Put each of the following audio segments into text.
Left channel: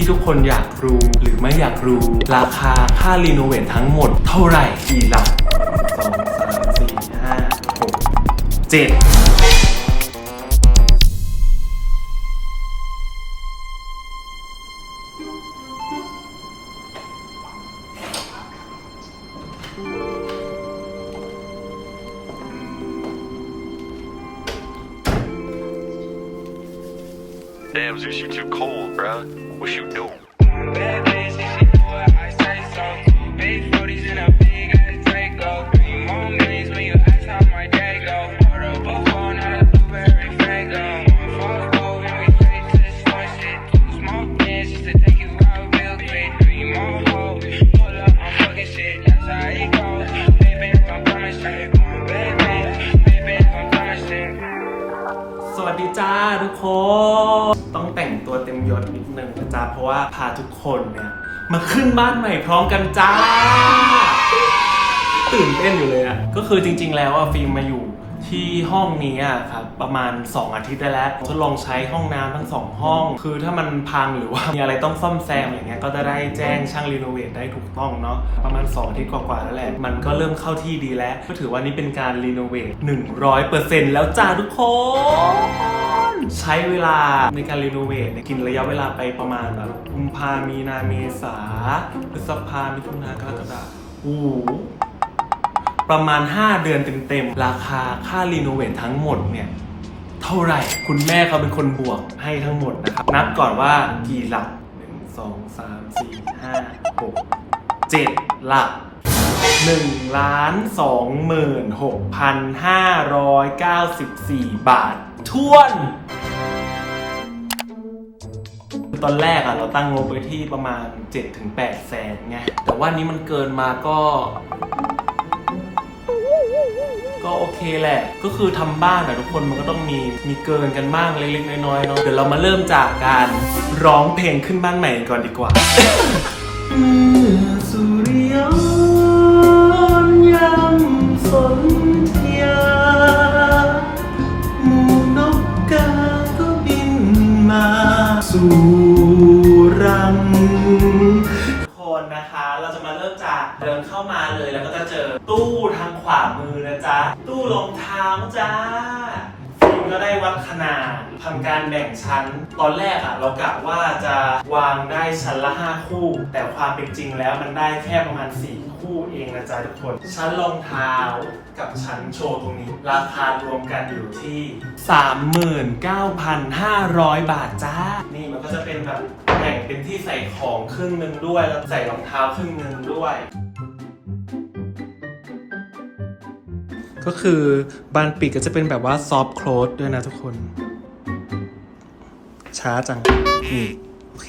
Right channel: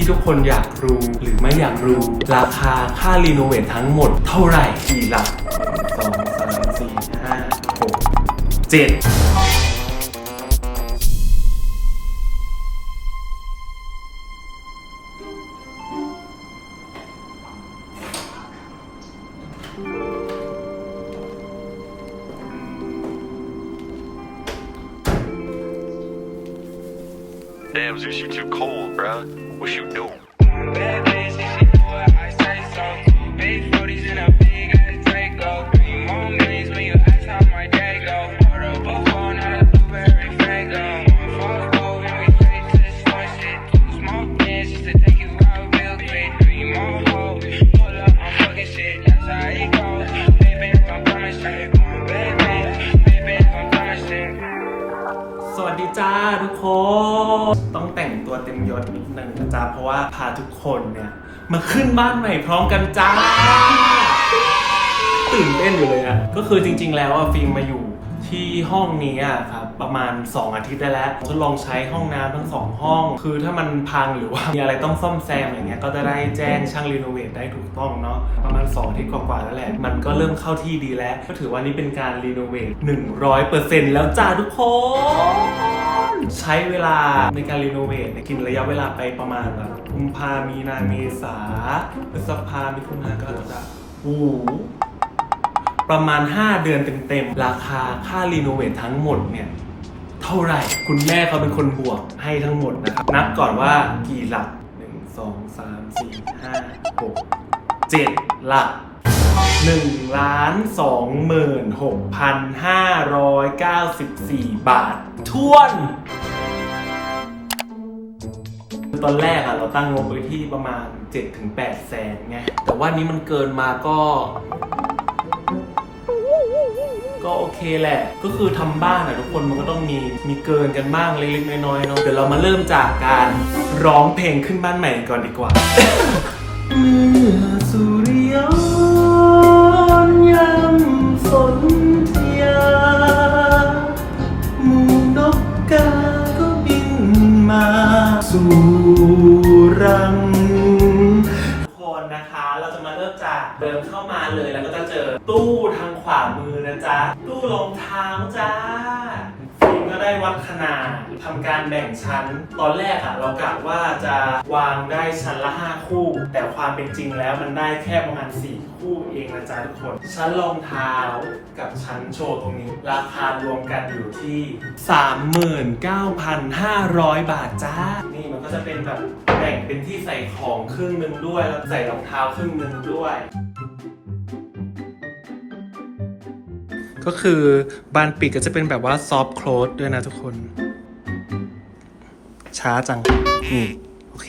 ที่ทุกคนอยากรู้หรือไม่อยากรู้ ราคาค่ารีโนเวททั้งหมดเท่าไหร่กี่หลักสองสามสี่ห้าหกเจ็ด Damn, Zeus, you too cold, bruh. what you do. จ้าทุกคน ต้องแต่งตัวเต็มยศนิดนึงนะจ๊ะเพราะว่าพาทุกคนเนี่ยมาขึ้นบ้านใหม่พร้อมกันจ้า ตื่นเต้นอยู่เลยอะก็คือจริง ๆ แล้วอะฟิล์มมาอยู่ ที่ห้องนี้อะครับประมาณ 2 อาทิตย์ได้แล้วทดลองใช้ห้องน้ำทั้งสองห้อง คือถ้ามันพังหรือว่ามีอะไรต้องซ่อมแซมอะไรเงี้ยก็จะได้แจ้งช่างรีโนเวทได้ถูกต้องเนาะประมาณ 2 อาทิตย์กว่าๆแล้วแหละมันก็เริ่มเข้าที่ดีแล้ว ก็ถือว่านี่เป็นการรีโนเวท100%แล้วจ้าทุกคนใช้เวลาในการรีโนเวทกินระยะเวลาไปประมาณแบบกุมภามีนาเมษาพฤษภามิถุนากรกฎาคมโอ้ ประมาณ 5 เดือนเต็มๆ ราคาค่ารีโนเวททั้งหมดเนี่ยเท่าไหร่ คุณแม่เขาเป็นคนบวกให้ทั้งหมดนะครับ นับก่อนว่ากี่หลัก 1 2 3 4 5 6 7 หลัก1ล้าน2หมื่น6,594 บาทท้วนตอนแรกอะเราตั้งงบไว้ที่ประมาณ 7-8 แสนไง แต่ว่านี้มันเกินมาก็ ก็โอเคแหละ ก็คือทำบ้านอะทุกคนมันก็ต้องมีมีเกินกันบ้างเล็กๆน้อยๆเนาะเดี๋ยวเรามาเริ่มจากการร้องเพลงขึ้นบ้านใหม่ก่อนดีกว่าสุริยนต์ยำสนธยาหมูนกกาก็บินมาสู่ จะเดินเข้ามาเลยแล้วก็จะเจอตู้ทางขวามือนะจ๊ะ ตู้รองเท้าจ้า ได้วัดขนาดทำการแบ่งชั้น ตอนแรกอะเรากะว่าจะวางได้ชั้นละ 5 คู่ แต่ความเป็นจริงแล้วมันได้แค่ประมาณ 4 คู่เองนะจ๊ะทุกคน ชั้นรองเท้ากับชั้นโชว์ตรงนี้ ราคารวมกันอยู่ที่ 39,500 บาทจ้า นี่มันก็จะเป็นแบบแบ่งเป็นที่ใส่ของครึ่งหนึ่งด้วยแล้วใส่รองเท้าครึ่งหนึ่งด้วย ก็คือบานปีกก็จะเป็นแบบว่าซอฟ t ์โคลสด้วยนะทุกคน ช้าจังนี่โอเค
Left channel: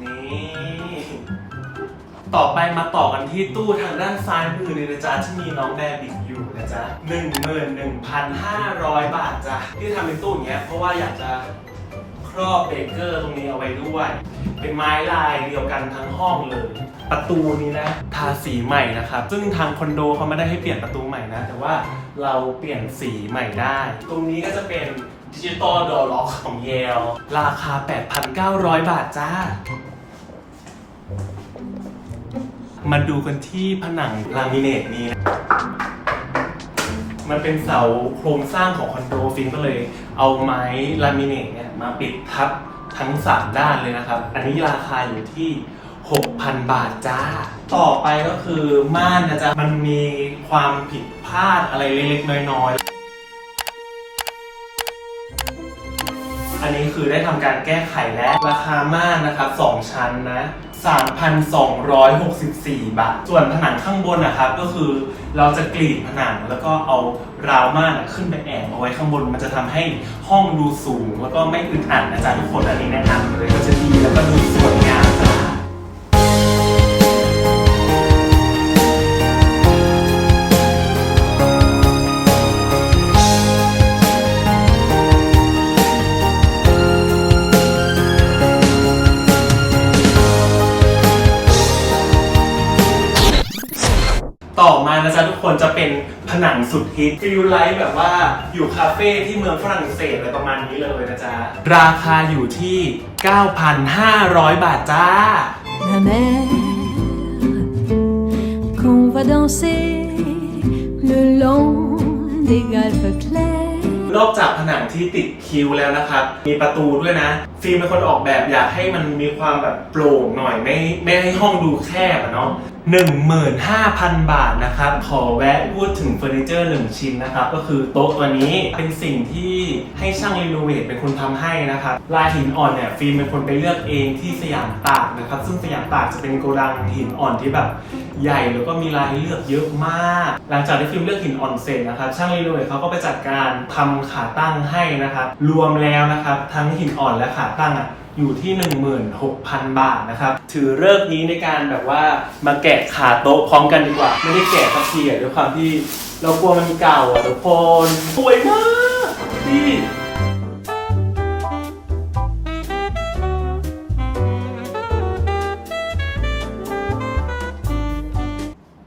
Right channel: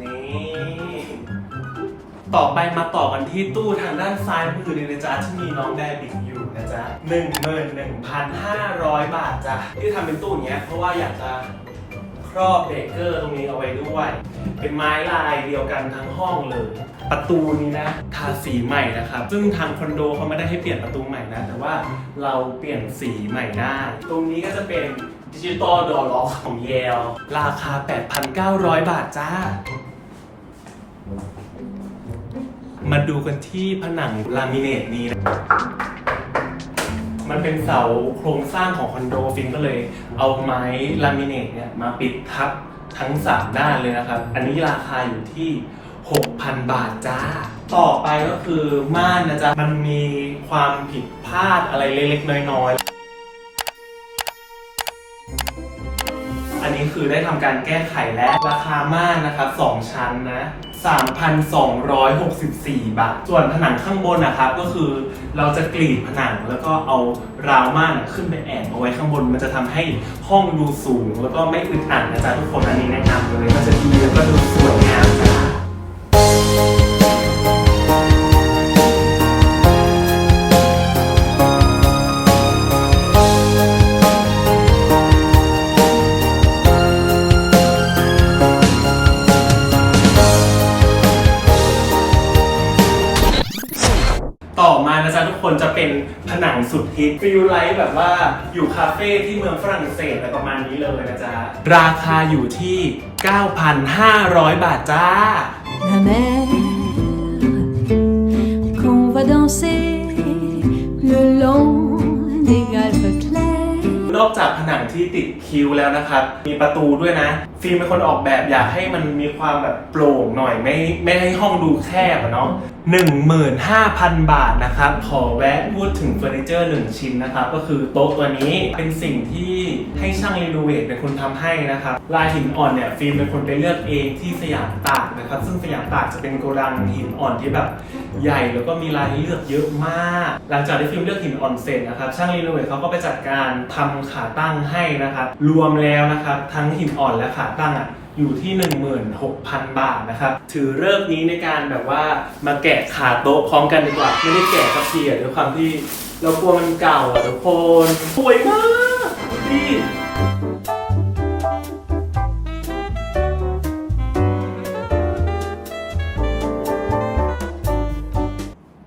นี่ ต่อไปมาต่อกันที่ตู้ทางด้านซ้ายมือเลยนะจ๊ะที่มีน้องแบร์บิกอยู่นะจ๊ะหนึ่งหมื่นหนึ่งพันห้าร้อยบาทจ้ะที่ทำเป็นตู้อย่างเงี้ยเพราะว่าอยากจะค รอบเบรกเกอร์ตรงนี้เอาไว้ด้วย เป็นไม้ลายเดียวกันทั้งห้องเลย ประตูนี้นะทาสีใหม่นะครับ ซึ่งทางคอนโดเขาไม่ได้ให้เปลี่ยนประตูใหม่นะ แต่ว่าเราเปลี่ยนสีใหม่ได้ ตรงนี้ก็จะเป็นดิจิตอลดอล็อกของเยลราคา 8,900 บาทจ้ามาดูกันที่ผนังลามิเนตนี้นะ มันเป็นเสาโครงสร้างของคอนโดฟินก็เลย เอาไม้ลามิเนตเนี่ยมาปิดทับทั้งสามด้านเลยนะครับ อันนี้ราคาอยู่ที่ 6,000 บาทจ้า ต่อไปก็คือม่านนะจ๊ะ มันมีความผิดพลาดอะไรเล็กๆ น้อยๆ อันนี้คือได้ทำการแก้ไขแล้ว ราคาม่านนะครับ 2 ชั้นนะ 3,264 บาท ส่วนผนังข้างบนนะครับก็คือเราจะกรีดผนังแล้วก็เอาราวม่านขึ้นไปแอบเอาไว้ข้างบน มันจะทำให้ห้องดูสูง แล้วก็ไม่อึดอัดนะจ๊ะทุกคนอันนี้แนะนำเลย ก็จะดีแล้วก็ดูสวยงาม ต่อมานะนะจ๊ะทุกคนจะเป็นผนังสุดฮิตฟิลไลท์แบบว่าอยู่คาเฟ่ที่เมืองฝรั่งเศสอะไรประมาณนี้เลยนะจ๊ะ ราคาอยู่ที่ 9,500 บาทจ้า Ma mère, qu'on va danser le long des galpes clairs. นอกจากผนังที่ติดคิ้วแล้วนะครับ มีประตูด้วยนะ ฟิล์มเป็นคนออกแบบอยากให้มันมีความแบบโปร่งหน่อยไม่ไม่ให้ห้องดูแคบอะเนาะ 15,000 บาทนะครับ ขอแวะพูดถึงเฟอร์นิเจอร์หนึ่งชิ้นนะครับ ก็คือโต๊ะตัวนี้เป็นสิ่งที่ให้ช่างรีโนเวทเป็นคนทำให้นะครับ ลายหินอ่อนเนี่ยฟิล์มเป็นคนไปเลือกเองที่สยามตากนะครับ ซึ่งสยามตากจะเป็นโกดังหินอ่อนที่แบบใหญ่แล้วก็มีลายให้เลือกเยอะมาก หลังจากที่ฟิล์มเลือกหินอ่อนเสร็จนะครับช่างรีโนเวทเขาก็ไปจัดการทำขาตั้งให้นะครับรวมแล้วนะครับทั้งหินอ่อนและขาตั้งอะ อยู่ที่ 16,000 บาทนะครับ ถือเลิกนี้ในการแบบว่ามาแกะขาโต๊ะพร้อมกันดีกว่า ไม่ได้แกะสักทีอะด้วยความที่เรากลัวมันเก่าอะทุกคนสวยมากพี่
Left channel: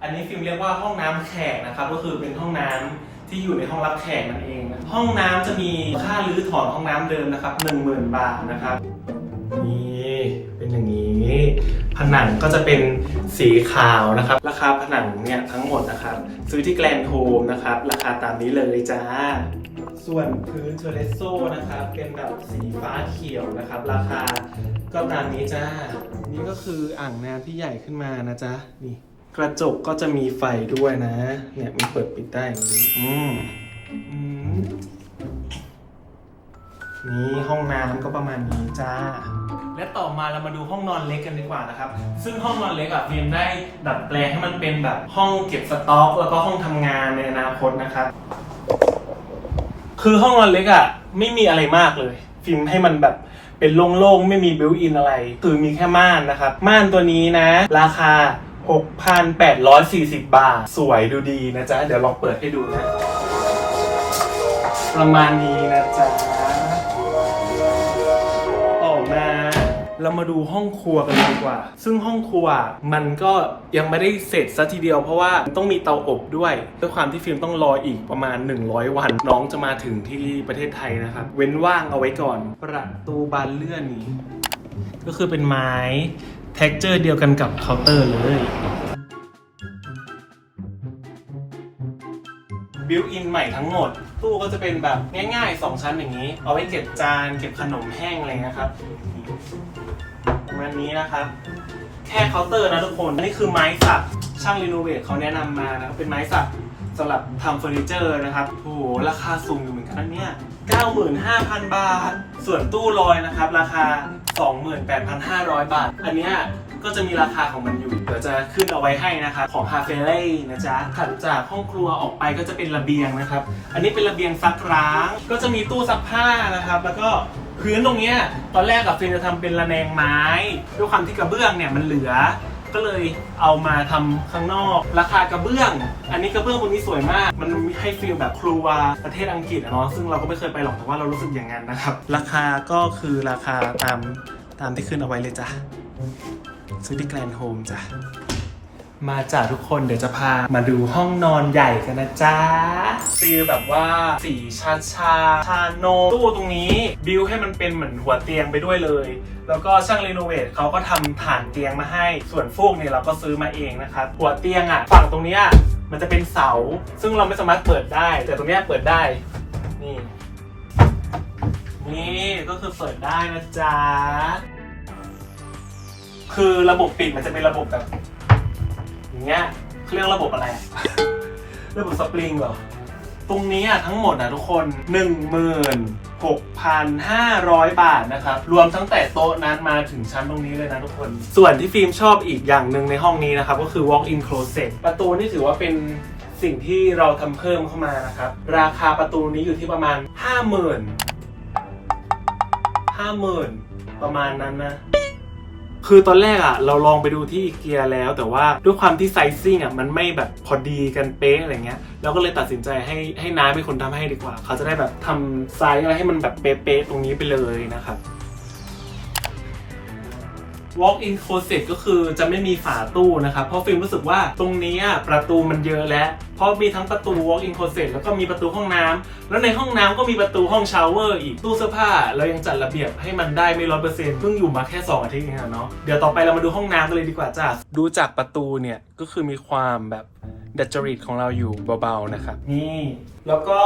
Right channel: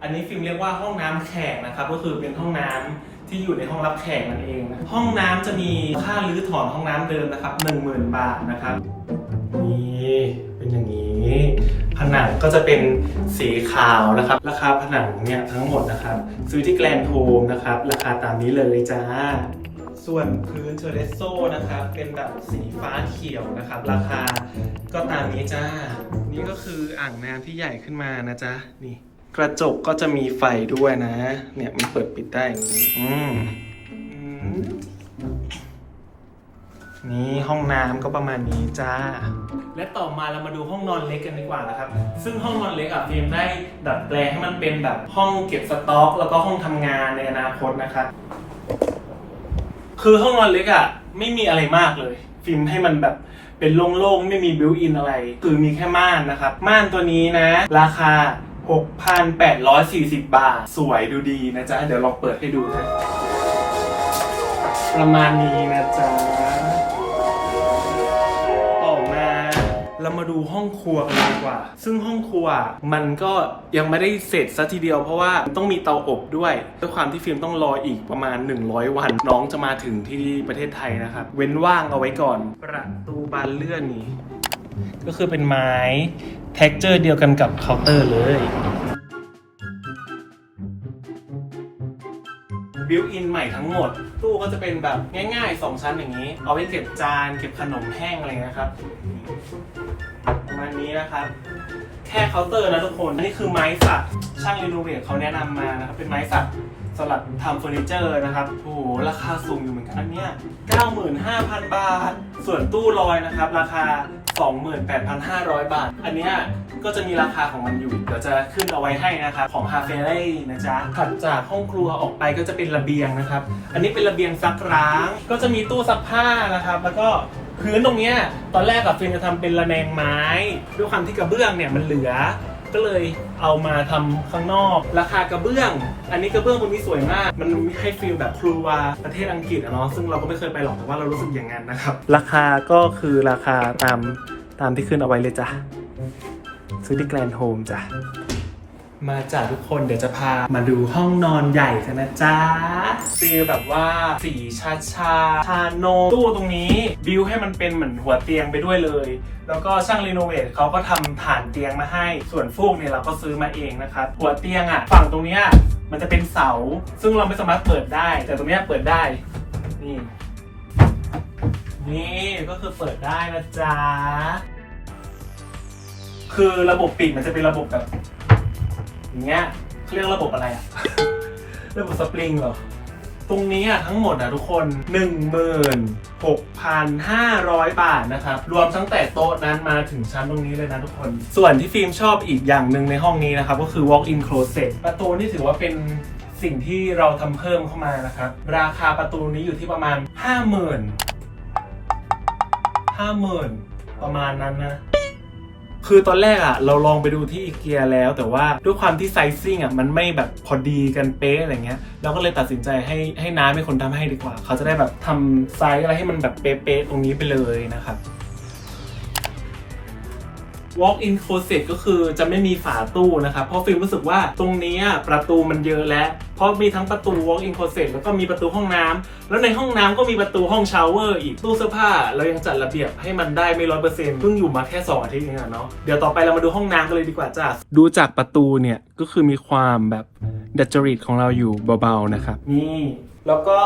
อันนี้ฟิล์มเรียกว่าห้องน้ำแขกนะครับ ก็คือเป็นห้องน้ำที่อยู่ในห้องรับแขกนั่นเองห้องน้ำจะมีค่ารื้อถอนห้องน้ำเดิมนะครับ10,000 บาทนะครับ นังก็จะเป็นสีขาวนะครับ ราคาผนังเนี่ยทั้งหมดนะครับ ซื้อที่แกลนโฮมนะครับ ราคาตามนี้เลยจ้า ส่วนพื้นเทเรสโซนะครับเป็นแบบสีฟ้าเขียวนะครับ ราคาก็ตามนี้จ้า นี่ก็คืออ่างน้ำที่ใหญ่ขึ้นมานะจ๊ะนี่ กระจกก็จะมีไฟด้วยนะ เนี่ยมันเปิดปิดได้อย่างนี้อืมอืมนี่ห้องน้ำก็ประมาณนี้จ้า และต่อมาเรามาดูห้องนอนเล็กกันดีกว่านะครับ ซึ่งห้องนอนเล็กอะฟิล์มได้ดัดแปลงให้มันเป็นแบบห้องเก็บสต็อก แล้วก็ห้องทำงานในอนาคตนะครับ คือห้องนอนเล็กอะไม่มีอะไรมากเลย ฟิล์มให้มันแบบเป็นโล่งๆ ไม่มีบิวอินอะไร คือมีแค่ม่านนะครับ ม่านตัวนี้นะ ราคา 6,840 บาท สวยดูดีนะจ๊ะ เดี๋ยวลองเปิดให้ดูนะ ประมาณนี้นะจ๊ะ เรามาดูห้องครัวกันดีกว่า ซึ่งห้องครัวมันก็ยังไม่ได้เสร็จซะทีเดียวเพราะว่าต้องมีเตาอบด้วยด้วยความที่ฟิล์มต้องรออีกประมาณ 100 วัน น้องจะมาถึงที่ประเทศไทยนะครับ เว้นว่างเอาไว้ก่อน ประตูบานเลื่อนนี้ ก็คือเป็นไม้เท็กเจอร์เดียวกันกับเคาน์เตอร์เลยบิวอินใหม่ทั้งหมด ตู้ก็จะเป็นแบบง่ายๆ 2 ชั้นอย่างนี้ เอาไว้เก็บจาน เก็บขนมแห้งอะไรนะครับ ประมาณนี้นะครับ แค่เคาน์เตอร์นะทุกคนนี่คือไม้สักช่างรีโนเวทเขาแนะนำมานะครับเป็นไม้สักสำหรับทำเฟอร์นิเจอร์นะครับโอ้โหราคาสูงอยู่เหมือนกันนะเนี่ย95,000 บาท ส่วนตู้ลอยนะครับ ราคา 28,500 บาท อันเนี้ยก็จะมีราคาของมันอยู่เดี๋ยวจะขึ้นเอาไว้ให้นะครับ ของฮาเฟ่เล่นะจ๊ะถัดจากห้องครัวออกไปก็จะเป็นระเบียงนะครับ อันนี้เป็นระเบียงซักร้าง ก็จะมีตู้ซักผ้านะครับ แล้วก็ พื้นตรงเนี้ยตอนแรกกับฟินจะทำเป็นระแนงไม้ ด้วยความที่กระเบื้องเนี่ยมันเหลือ ก็เลยเอามาทำข้างนอก ราคากระเบื้อง อันนี้กระเบื้องตรงนี้สวยมาก มันให้ฟีลแบบครัวประเทศอังกฤษอะเนาะซึ่งเราก็ไม่เคยไปหรอกแต่ว่าเรารู้สึกอย่างนั้นนะครับ ราคาก็คือราคาตามตามที่ขึ้นเอาไว้เลยจ้ะซื้อที่แกรนด์โฮมจ้ะ มาจากทุกคนเดี๋ยวจะพามาดูห้องนอนใหญ่กันนะจ๊ะฟีลแบบว่าสีชาชาชาโนตู้ตรงนี้บิวให้มันเป็นเหมือนหัวเตียงไปด้วยเลย แล้วก็ช่างรีโนเวทเขาก็ทำฐานเตียงมาให้ ส่วนฟูกเนี่ยเราก็ซื้อมาเองนะครับหัวเตียงอะฝั่งตรงเนี้ยมันจะเป็นเสา ซึ่งเราไม่สามารถเปิดได้ แต่ตรงเนี้ยเปิดได้นี่นี่ก็คือเปิดได้นะจ๊ะคือระบบปิดมันจะเป็นระบบแบบ อย่างเงี้ยเขาเรียกระบบอะไรอะระบบสปริงเหรอ ตรงนี้อะทั้งหมดนะทุกคน 16,500 บาทนะครับ รวมตั้งแต่โต๊ะนั้นมาถึงชั้นตรงนี้เลยนะทุกคน ส่วนที่ฟิล์มชอบอีกอย่างหนึ่งในห้องนี้นะครับ ก็คือ walk-in closet ประตูนี่ถือว่าเป็นสิ่งที่เราทำเพิ่มเข้ามานะครับ ราคาประตูนี้อยู่ที่ประมาณ 50,000 50,000 ประมาณนั้นนะ คือตอนแรกอะเราลองไปดูที่อีเกียแล้ว แต่ว่าด้วยความที่ไซซิ่งอะมันไม่แบบพอดีกันเป๊ะอะไรเงี้ยเราก็เลยตัดสินใจให้ให้น้าเป็นคนทำให้ดีกว่า เขาจะได้แบบทำไซส์อะไรให้มันแบบเป๊ะๆตรงนี้ไปเลยนะครับ walk in closet ก็คือจะไม่มีฝาตู้นะครับ เพราะฟิล์มรู้สึกว่าตรงนี้อะประตูมันเยอะแล้ว เพราะมีทั้งประตู walk in closet แล้วก็มีประตูห้องน้ำแล้วในห้องน้ำก็มีประตูห้องชาวเวอร์อีกตู้เสื้อผ้าเรายังจัดระเบียบให้มันได้ไม่ร้อยเปอร์เซ็นต์เพิ่งอยู่มาแค่ 2 อาทิตย์เองอะเนาะเดี๋ยวต่อไปเรามาดูห้องน้ำกันเลยดีกว่าจ้ะดูจากประตูเนี่ยก็คือมีความแบบดัจจริตของเราอยู่เบาๆนะครับนี่แล้วก็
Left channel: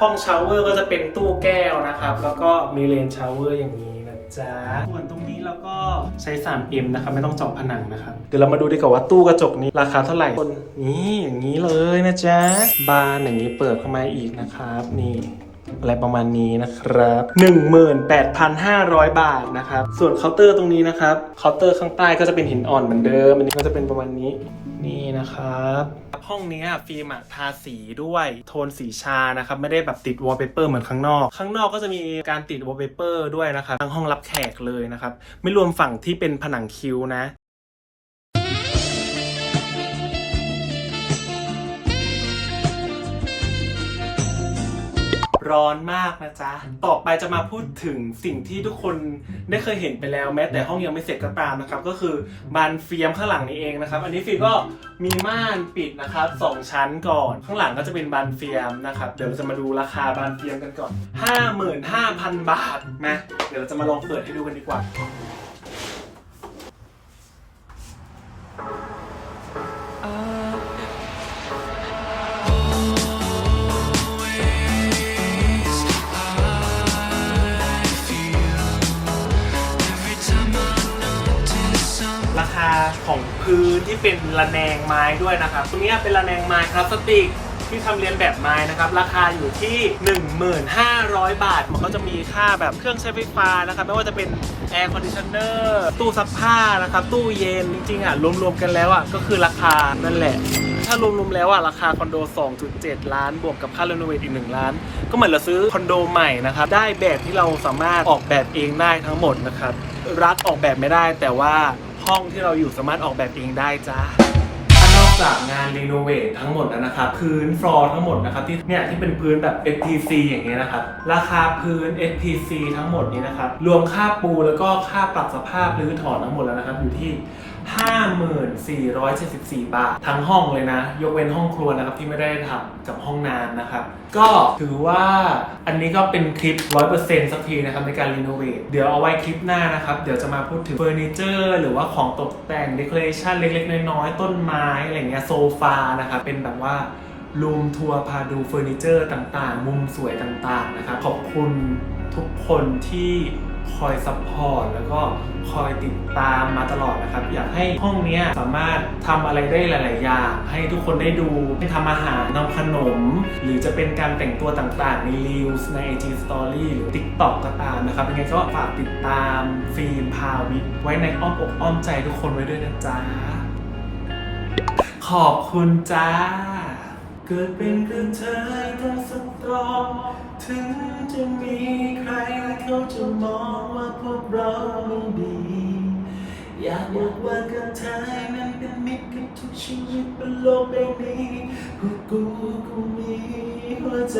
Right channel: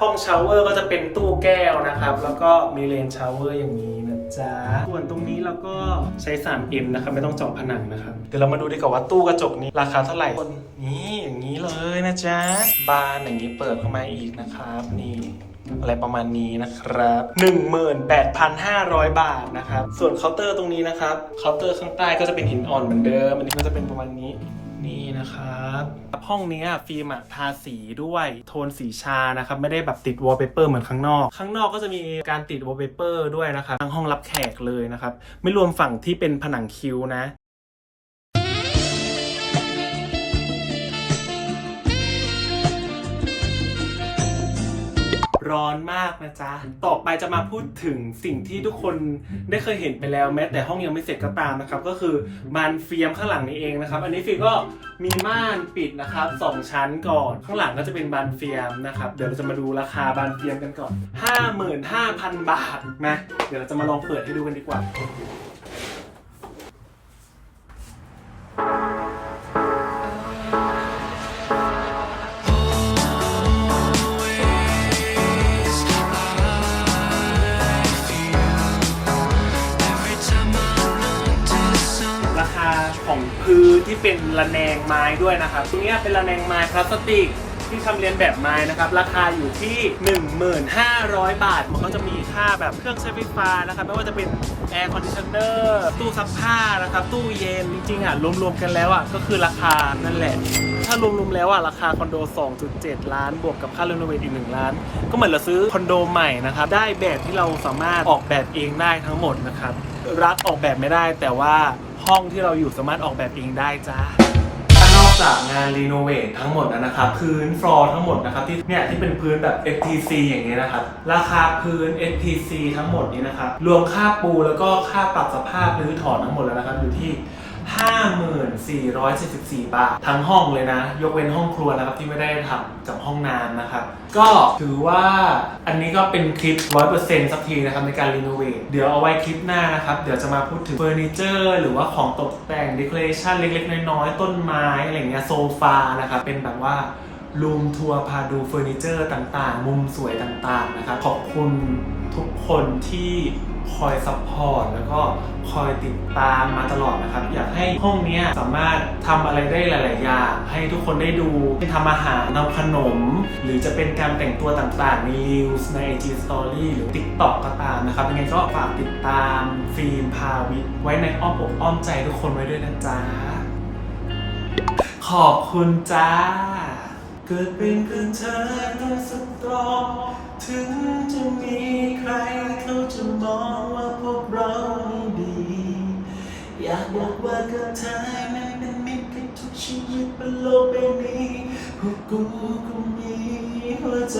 ห้องชาวเวอร์ก็จะเป็นตู้แก้วนะครับ แล้วก็มีเลนชาวเวอร์อย่างนี้นะ จ๊ะส่วนตรงนี้เราก็ใช้ 3M นะครับ ไม่ต้องเจาะผนังนะครับ เดี๋ยวเรามาดูดีกว่าว่าตู้กระจกนี้ราคาเท่าไหร่นี่อย่างนี้เลยนะจ๊ะ บานอย่างนี้เปิดเข้ามาอีกนะครับ นี่อะไรประมาณนี้นะครับ 18,500 บาทนะครับ ส่วนเคาน์เตอร์ตรงนี้นะครับ เคาน์เตอร์ข้างใต้ก็จะเป็นหินอ่อนเหมือนเดิม อันนี้ก็จะเป็นประมาณนี้ นะครับ ห้องนี้ฟิล์มทาสีด้วยโทนสีชานะครับ ไม่ได้แบบติดวอลเปเปอร์เหมือนข้างนอก ข้างนอกก็จะมีการติดวอลเปเปอร์ด้วยนะครับทั้งห้องรับแขกเลยนะครับ ไม่รวมฝั่งที่เป็นผนังคิ้วนะ ร้อนมากนะจ๊ะ ต่อไปจะมาพูดถึงสิ่งที่ทุกคนได้เคยเห็นไปแล้วแม้แต่ห้องยังไม่เสร็จก็ตามนะครับ ก็คือบานเฟียมข้างหลังนี้เองนะครับ อันนี้ฟิล์มก็มีม่านปิดนะครับสองชั้นก่อน ข้างหลังก็จะเป็นบานเฟียมนะครับ เดี๋ยวเราจะมาดูราคาบานเฟียมกันก่อน 55,000 บาทนะเดี๋ยวเราจะมาลองเปิดให้ดูกันดีกว่ารา ที่เป็นระแนงไม้ด้วยนะครับตรงนี้เป็นระแนงไม้พลาสติกที่ทำเรียนแบบไม้นะครับ ราคาอยู่ที่ 1500 บาท มันก็จะมีค่าแบบเครื่องใช้ไฟฟ้านะครับ ไม่ว่าจะเป็นแอร์คอนดิชเนอร์ตู้ซักผ้านะครับ ตู้เย็น จริงๆอะ รวมๆกันแล้วอะ ก็คือราคานั่นแหละ ถ้ารวมๆแล้วอะ ราคาคอนโด 2.7 ล้าน บวกกับค่ารีโนเวทอีก 1 ล้าน ก็เหมือนเราซื้อคอนโดใหม่นะครับ ได้แบบที่เราสามารถออกแบบเองได้ทั้งหมดนะครับ รัฐออกแบบไม่ได้แต่ว่า ห้องที่เราอยู่สามารถออกแบบเองได้จ้า นอกจากงานรีโนเวททั้งหมดแล้วนะครับพื้นฟลอร์ทั้งหมดนะครับที่เนี่ยที่เป็นพื้นแบบ STC อย่างเงี้ยนะครับ ราคาพื้น STC ทั้งหมดนี้นะครับ รวมค่าปูแล้วก็ค่าปรับสภาพหรือถอนทั้งหมดแล้วนะครับ อยู่ที่ 54,74 บาท ทั้งห้องเลยนะ ยกเว้นห้องครัวนะครับที่ไม่ได้ทำกับห้องน้ำนะครับ ก็ถือว่าอันนี้ก็เป็นคลิป 100%สักทีนะครับในการรีโนเวทเดี๋ยวเอาไว้คลิปหน้านะครับ เดี๋ยวจะมาพูดถึงเฟอร์นิเจอร์หรือว่าของตกแต่งเดคอเรชันเล็กๆ น้อยๆ ต้นไม้อะไรเงี้ยโซฟานะครับเป็นแบบว่ารูมทัวร์พาดูเฟอร์นิเจอร์ต่างๆ มุมสวยต่างๆนะครับขอบคุณทุกคนที่ คอยซัพพอร์ตแล้วก็คอยติดตามมาตลอดนะครับ อยากให้ห้องนี้สามารถทำอะไรได้หลาย ๆ อย่างให้ทุกคนได้ดูทำอาหารทำขนม หรือจะเป็นการแต่งตัวต่าง ๆ ใน Reels ใน IG Story หรือ TikTok ก็ตามนะครับยังไงก็ฝากติดตามฟิล์มพาวิทย์ไว้ในอ้อมอกอ้อมใจทุกคนไว้ด้วยนะจ๊ะ ขอบคุณจ้า เกิดเป็นเพื่อนเธอต้องสตรอง ถึงจะมีใครเขาจะมองว่าพวกเราไม่ดี อยากบอกว่ากับเธอนั้นเป็นมิตรกับทุกชีวิตบนโลกใบนี้พวกกูก็มีหัวใจ